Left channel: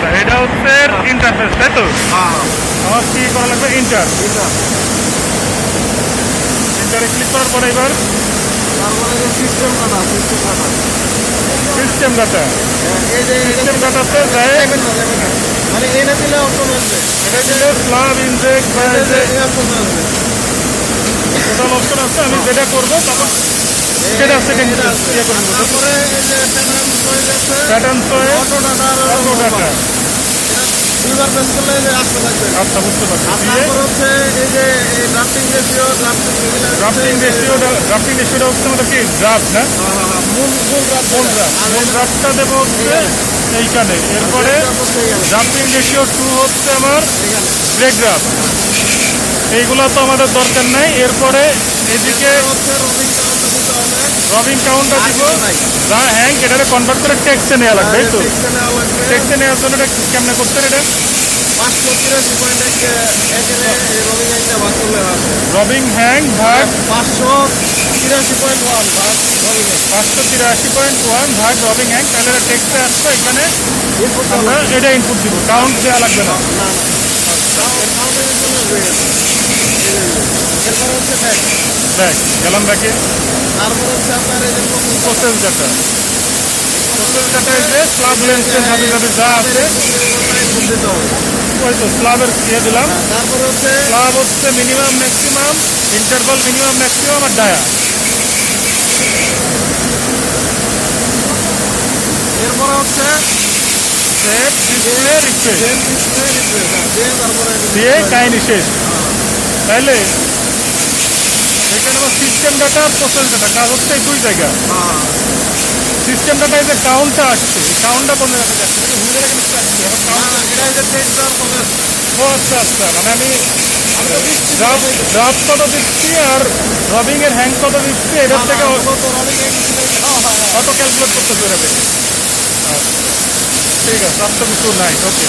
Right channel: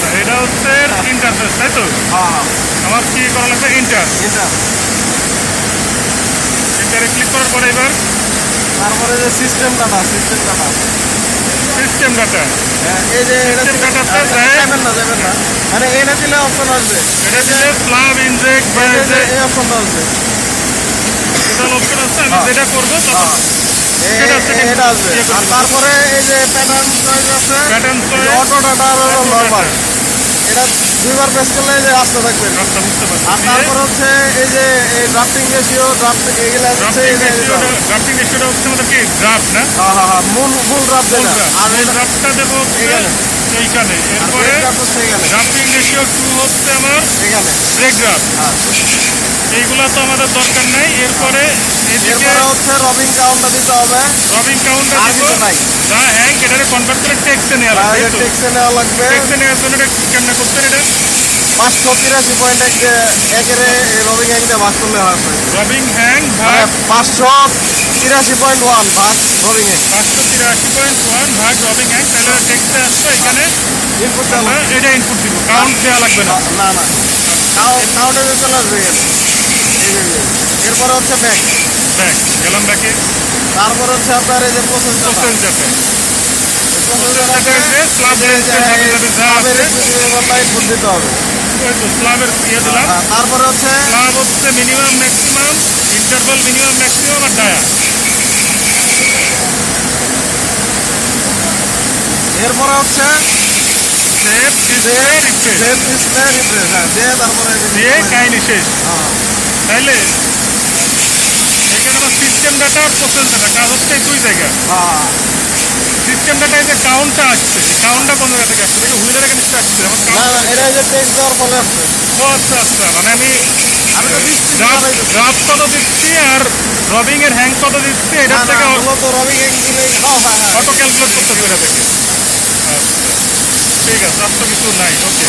আচ্ছা, এটা হচ্ছে ইন্টারফেস, তাই তো? হ্যাঁ আমার কি করা লাগবে? ইন্টারে ক্লিক করার পরে এবার তারপরে যে সিস্টেম ডাটা সিস্টেম ডাটা, এই যে সিস্টেম ডাটাতে যায়। মানে এটা দিলে অপশন আসবে, এটা দিলে স্ল্যাব ইনজেক্ট বা এই অপশন আসবে, টোটাল অপশন আছে। আমি যেটা করবো তখন সেটা সেটিং ইয়ে করে দেবো। তারপরে এই যে প্যাটার্ন চয়েস আছে, pattern choice, auto data, auto data. এটা দুইবার প্রেস করলে যে আসতে থাকবে। আচ্ছা, বুঝতে পারছি। আর দিয়ে তারপর হচ্ছে এই যে ড্রাফটিং রেশিও, ড্রাফটিং রেশিওটা হচ্ছে আমাদের কি ড্রাফট না? মূল ড্রাফট, মূল ড্রাফটটা দেবো হচ্ছে এইখানে। এরপরে ড্রাফটিং রেশিও 2 হচ্ছে আমার ব্রেক ড্রাফট। এইগুলো তো আমাদের দরকার নাই। এরপরে এদিকে হচ্ছে রবিং কাউন্টটা দিতে হবে, রবিং কাউন্টটা দিব। হ্যাঁ, এটাকে কনভার্ট করে টেক্সটে নেওয়া লাগবে, তাই তো? টেক্সটে নেওয়া লাগবে। টেক্সটে নেওয়ার জন্য এটা কেমনে করতেন? এটা 583.1 রবিং একটা ভাগ করলে হবে। রবিং হ্যাং ভাগ 583.1 ভাগ রবিং 583.1 ভাগ রবিং হ্যাং। তাহলে টেক্সটে আসছে, এখানে আমরা এটা ইনপুট দিব। কাউন্ট দেওয়া লাগবে না। কাউন্টের জন্য আসবে। এরপরে হচ্ছে ব্যাক, দেখ গেলাম ব্যাকে। তারপর হচ্ছে আপনার এই যে প্রসেস ডাটা, প্রসেস ডাটা এই যে স্ল্যাব লেন্থের সাথে সাথে যা আছে দিতে হবে। ওই তো স্ল্যাবের ইয়ে দিলাম। তারপরে হচ্ছে স্ল্যাব হচ্ছে minimum maximum, interval minimum maximum আর ডায়া। এরপরে হচ্ছে সেভ ডিসপ্লে রিফ্রেশ তারপরে দিয়ে কাহিনি শেষ। তাইলে এখানে আমার সিস্টেম ডাটা আর প্রসেস ডাটা কাজ হচ্ছে এই দুই জায়গা। সিস্টেম ডাটায় যে কাউন্টটা আসছে, এই কাউন্টটা কোন জায়গা থেকে আসছে? এটা হুইলের আগে নিশ্চয় আসছে। আমার কাউন্ট, এটা যে টেক্সট দেওয়ার ফলে ও আচ্ছা আচ্ছা, মানে আমি ড্রাফট কত দিচ্ছি আর রবিং এর হ্যাং কত দিচ্ছি এটার থেকে অটো ক্যালকুলেট করতেছে এটা থেকে। আচ্ছা, ঠিক আছে, আর তো কিছু নাই। ওকে।